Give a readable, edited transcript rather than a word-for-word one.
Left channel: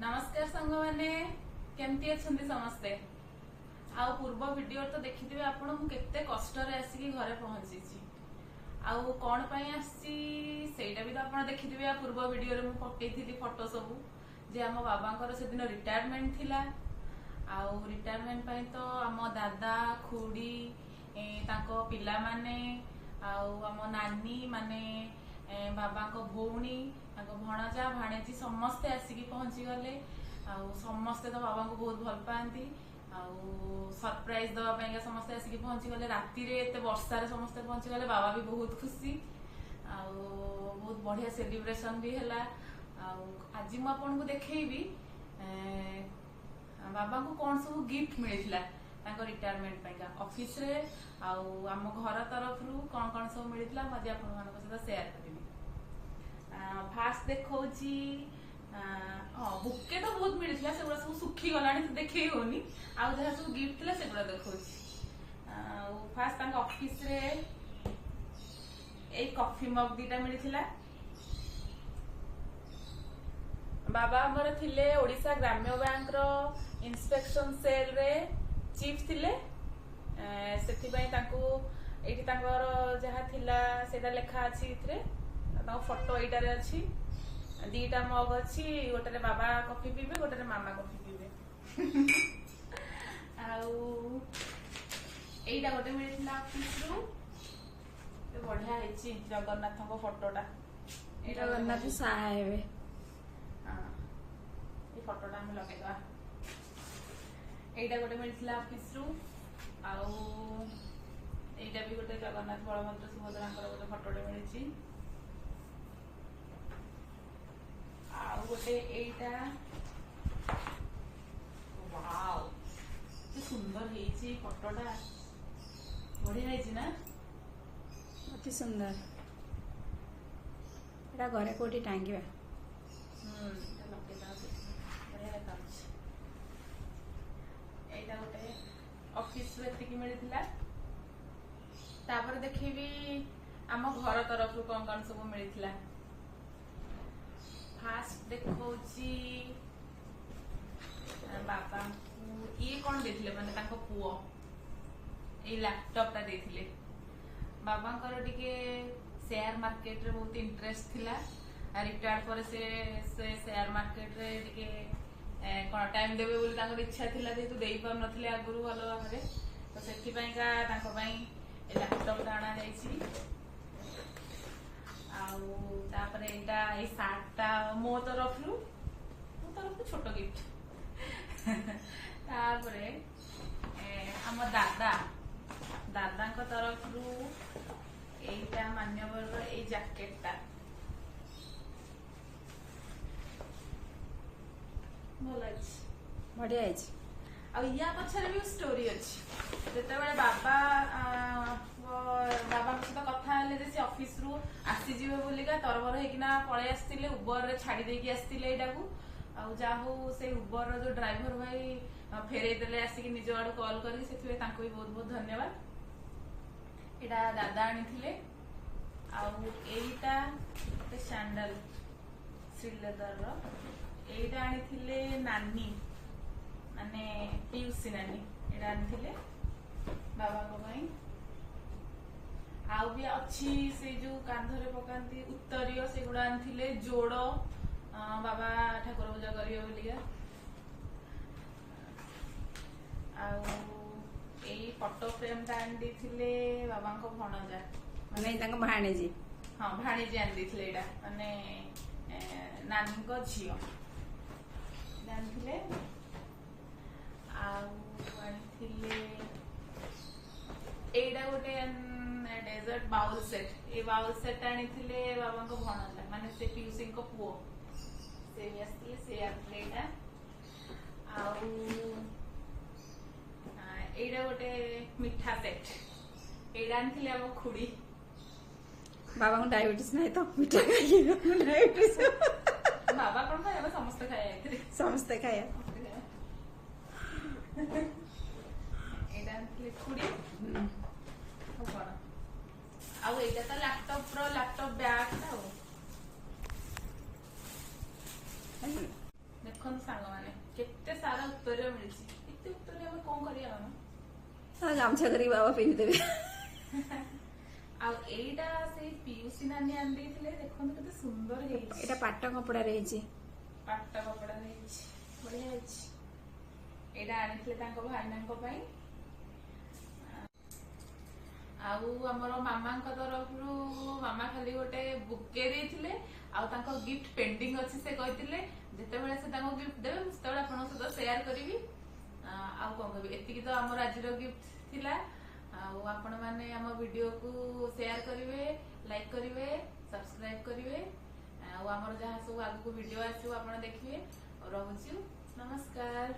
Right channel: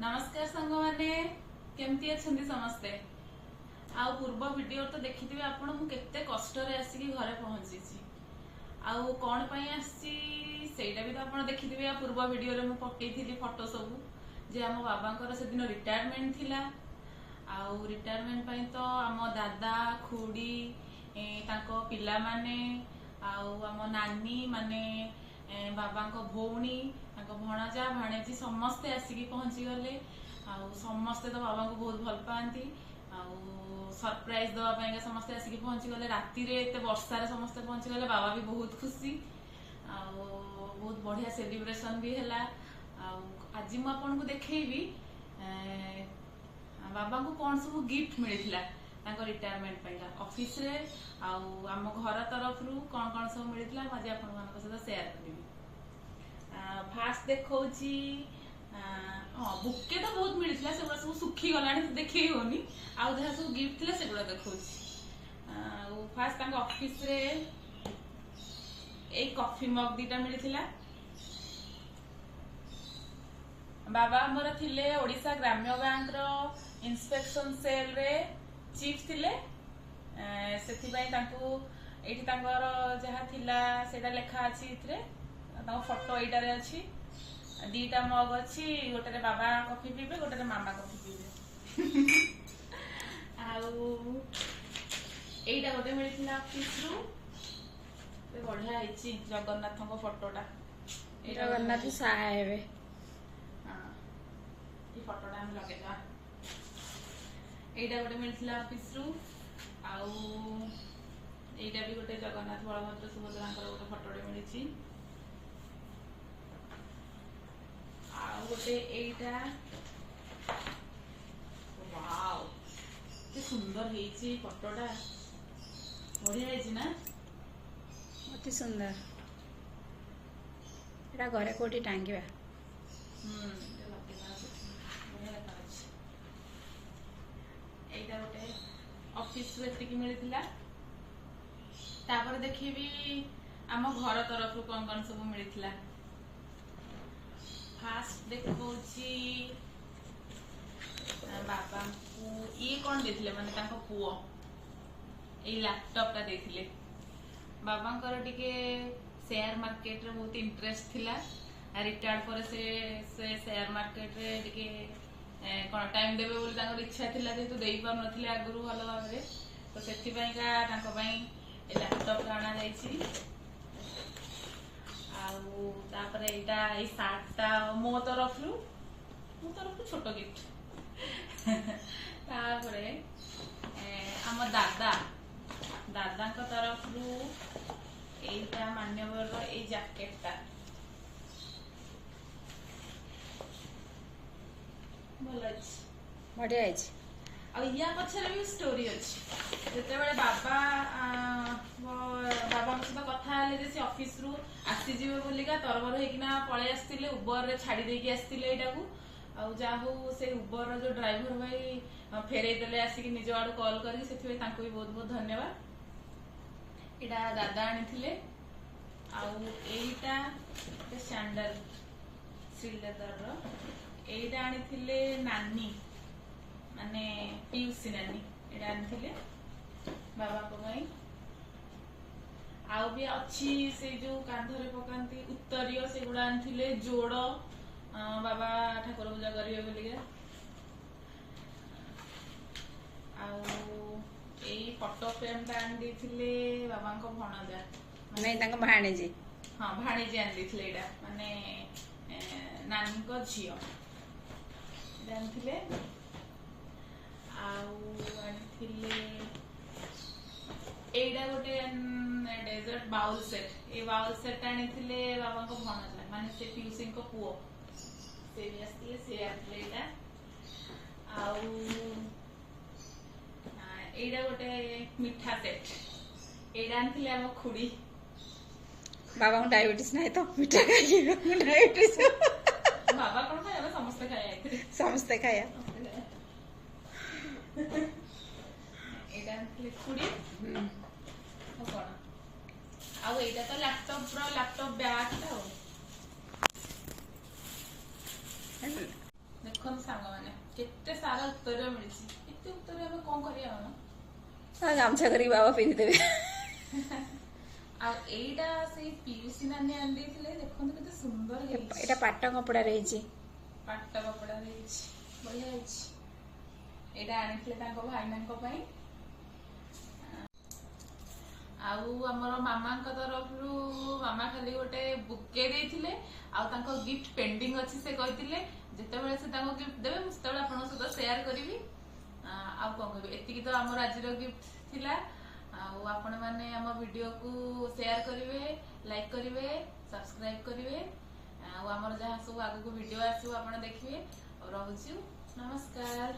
नमस्कार सांग माने केमती अछंती समस्ते आउ पूर्व वीडियो तो देखिथिबे आपण मु केते कष्ट रे आसी घरे पहुंची छी आउ कोन पई आसी सेटा भी तो आपण देखिथिबे पूर्व वीडियो रे मु पकेइथिली फोटो सब जे हम बाबांकर से दिन रिटायरमेंट थिला आउ रिटायरमेंट पई तो हम दादा खुडी ताको पिला माने आउ हम नानी माने बाबांको भौणी भणजा भाणेजी समस्ते आसिकी पहुंची गले समस्ते तो बाबा को बहुत भल पाती सरप्राइज दवाई समस्ते आसिकी पहुंची गले राति रे एते वर्षा रे समस्ते पहुंची गले बाबा भी बहुत खुशी बहुत बढ़िया सेलिब्रेशन भी हैला आज मु आपन को देखैबी बाबा को कौन सब गिफ्ट मिलिथिला ताको रिटायरमेंट पाइला ऑफिस रे आम घर तरफ रु कौन कौन सब मिलिथिला आज आपन मानक सहित शेयर करबी फास्ट देखौची बुके तो बहुत मिलिथिला सेगुड़ा सब सुखी गलानी तो देखै होनी आउ जहा सब गिफ्ट थिला सेगुड़ा देखौची फास्ट ताको ऑफिस रे एक कॉफी मग दीटा मिलिथिला बाबा हमर थिले ओडिशा ग्राम्य बैंक रो इंस्पेक्शन सेल रे चीफ थिले सेथि पई ताको एठी तांकर जहा थिला सेटा लेखा अछि इथरे ताको फोटो एटा रे अछि दीटा मग अछि गोटे रे बाबा कॉफी पीबे गोटे रे मामा कॉफी पीबे आउ एटा गोटे मिलिथिला ऑफिस रो ते बढ़िया हिची जगन्नाथ को फोटोटा जगन्नाथ साहा हेबे फोटोटा हम लगे एटा गोटे मिलथिला ऑफिस रु आउ एटा भी गोटे जगन्नाथ बलभद्र सुभद्रा गोटे फोटोटे मिली आउ गोटे एटा वाओ के सुंदर हेची फोटोटा बढ़िया हेची ना अति सुंदर एटा घरे कोठी टांगिबा ऑफिस मिलता तापर देखी आम घर तरफ कौन कौन सब मिलता फास्ट देखो बाबा ये कौन देथिले माने तांको पुओ ए लैपटॉप टा देथिले बाबा टिके शेयर मार्केट रे बहुत इंटरेस्ट थिला रिटायर्ड पर से शेयर मार्केट रे टिके कौन टाइम देवे बोली तांकर इच्छा थिला जेतु देई पार नथिले आगुरु भलो भाबरे तो सेति पई का तांको पई ए लैपटॉप आना जाईची आउ तापर एटा ए सार्टटा मो तरफ छोटो गिफ्ट तापरे हम दादा को तरफ रु एटा मान्यवर ए जैकेटटा बढ़िया या पछरे भी स्टोरी अछि जते बेले बाबा सहित कथा हेले जे ऑफिस रु आसी जिवे बोलिका तरबर हेकिना पळे आस्तिले उबर रे छाडी देकी आस्तिले एटा को आ जाहु से उबर रो जो ड्राइवर भाई फेरे देले आसी कि निज आडू कॉल करी सेथि तांको भी बहुत बहुत धन्यवाद एटा दादा आनी थिले आ एटा ते सैंडल सिलेदर रो एटा आनी थिले नानी माने पीयूसी नानी एटा आनी थिले बाबा को भाई आउ भी अच्छी से जो कांधरे पकांती उत्तरीय से गुडा आनी थिले जोड़ बाबा ठाकुर पूजा करिवे बोलिका आउ एई फोटो फ्रेम ता आनी दिथिले बाबा को भणजा माने तांको भाणेजी हां भाणेजी आनी दिथिले एटा माने नानी को झियो जानथिले एटा गोटे डेजर्ट बाउल सेट ए बाउल सेट आनी थिले बाबा को भणजा माने से पीयूसी को पुओ से भी आस्ती से एटा आउ एटा गोटे मिठा सेट एटा आनी थिले हम खुडी बाबा को डायबिटीज नाही तो मिठा खाइए डायबिटीज बाबा कोन खाया समस्त खाया समस्त खाया एटा आनी खुडी कोन आउ एटा तो लैपटॉप बैग ता देखो ଦେଖନ୍ତୁ ସାଙ୍ଗମାନେ କେତେ ସାରା ଉତ୍ତର ମିଳିଛି। ଏତେ ଉତ୍ତର ଆମେ କଣ କରିବା ମାମା? ଗାମୁଛା କରିକି ବାବା ପିନ୍ଧିଦେବେ। ଆଉ ଏଇଟା ସେଇ ପିୟୁଷୀ ନାନୀ ଆଣି ଦେଇଥିଲେ, ଦେଖନ୍ତୁ କେତେ ସୁନ୍ଦର ହେଇଛି। ଏଇଟା ପାଟ କପଡାରେ ହେଇଛି। ପାଟ କପଡା ହେଇଛି, ବଢିଆ ହେଇଛି। ଏଇଟା ଆଣିଥିଲେ ତାଙ୍କ ଭାଇନାଙ୍କ ପାଇଁ। ଆଉ ଆମର ମାମାଙ୍କ ତରଫରୁ ମାମା ଖାଲି ଗୋଟେ ବୁକେ ଦେଇଥିଲେ, ଆଉ ତାଙ୍କ ଗିଫ୍ଟ ପେଣ୍ଡିଙ୍ଗ ଅଛି। ସେ କହିଥିଲେ ଯେତେବେଳେ ସେ ତାଙ୍କୁ ଗିଫ୍ଟ ଦେବେ ମୁଁ ସେତେବେଳେ ଆପଣଙ୍କ ସହିତ ସେୟାର କରିବି। ଆଉ କଣ କହିବି, ଏତିକି ତ ଆମର ଆଜିର ଗିଫ୍ଟ ଥିଲା। ଆଉ ଆପଣ ମାନେ ଆମ ଭିଡିଓକୁ ସେୟାର କରିବେ, ଲାଇକ୍ କରିବେ, ସବସ୍କ୍ରାଇବ କରିବେ। ଆଉ ଆମର ଯାହା ସବୁ ଆଗକୁ ଭିଡିଓ ଆସିବ ଆପଣ ଦେଖିବେ। ଆଉ ରହୁଛୁ, ନମସ୍କାର।